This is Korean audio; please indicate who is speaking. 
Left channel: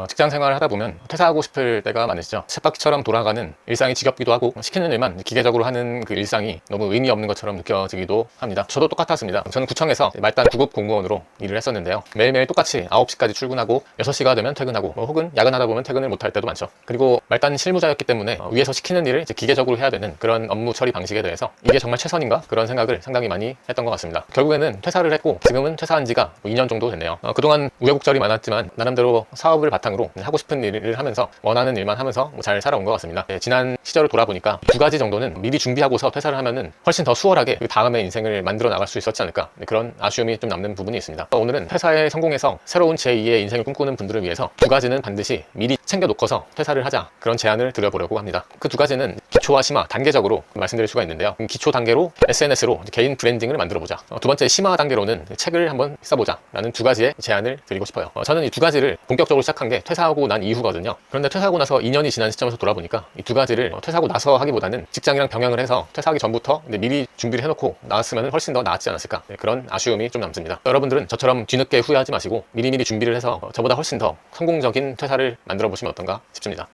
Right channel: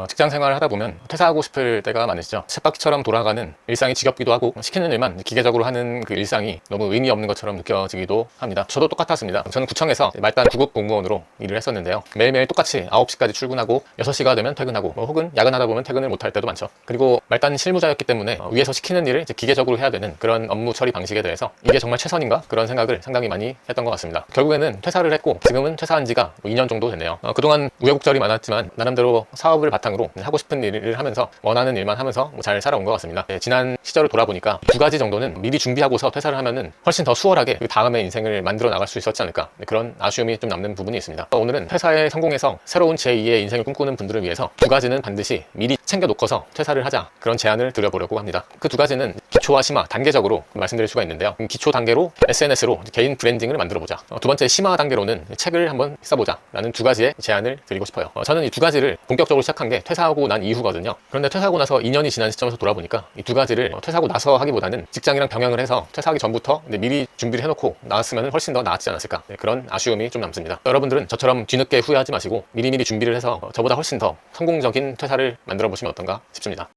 Speaker 1: 어, 직장 생활을 하다 보면 퇴사하고 싶을 때가 많으시죠. 쳇바퀴처럼 돌아가는 일상이 지겹기도 하고 시키는 일만 기계적으로 하는 그 일상이 너무 의미 없는 것처럼 느껴지기도 합니다. 저도 똑같았습니다. 저는 구청에서 말단 구급 공무원으로 일을 했었는데요. 매일매일 똑같이 9시까지 출근하고 6시가 되면 퇴근하고 뭐 혹은 야근하다 보면 퇴근을 못할 때도 많죠. 그리고 말단 실무자였기 때문에 어, 위에서 시키는 일을 기계적으로 해야 되는 그런 업무 처리 방식에 대해서 이게 정말 최선인가? 그런 생각을 상당히 많이 했던 것 같습니다. 결국에는 퇴사를 했고 지금은 퇴사한 지가 2년 정도 됐네요. 어, 그동안 우여곡절이 많았지만 나름대로 사업을 바탕 으로 하고 싶은 일을 하면서 원하는 일만 하면서 뭐 잘 살아온 것 같습니다. 네, 지난 시절을 돌아보니까 두 가지 정도는 미리 준비하고서 퇴사를 하면은 훨씬 더 수월하게 그 다음의 인생을 만들어 나갈 수 있었지 않을까 네, 그런 아쉬움이 좀 남는 부분이 있습니다. 어, 오늘은 퇴사에 성공해서 새로운 제2의 인생을 꿈꾸는 분들을 위해서 두 가지는 반드시 미리 챙겨놓고서 퇴사를 하자 그런 제안을 드려보려고 합니다. 그 두 가지는 기초와 심화 단계적으로 말씀드릴 수가 있는데요. 음, 기초 단계로 SNS로 개인 브랜딩을 만들어보자. 어, 두 번째 심화 단계로는 책을 한번 써보자. 라는 두 가지의 제안을 드리고 싶어요. 어, 저는 이 두 가지를 본격적으로 시작한 게 퇴사하고 난 이후거든요. 그런데 퇴사하고 나서 2년이 지난 시점에서 돌아보니까 이 두 가지를 어, 퇴사하고 나서 하기보다는 직장이랑 병행을 해서 퇴사하기 전부터 네, 미리 준비를 해놓고 나왔으면 훨씬 더 나았지 않았을까. 네, 그런 아쉬움이 좀 남습니다. 여러분들은 저처럼 뒤늦게 후회하지 마시고 미리미리 준비를 해서 어, 저보다 훨씬 더 성공적인 퇴사를 만들어 보시면 어떤가 싶습니다.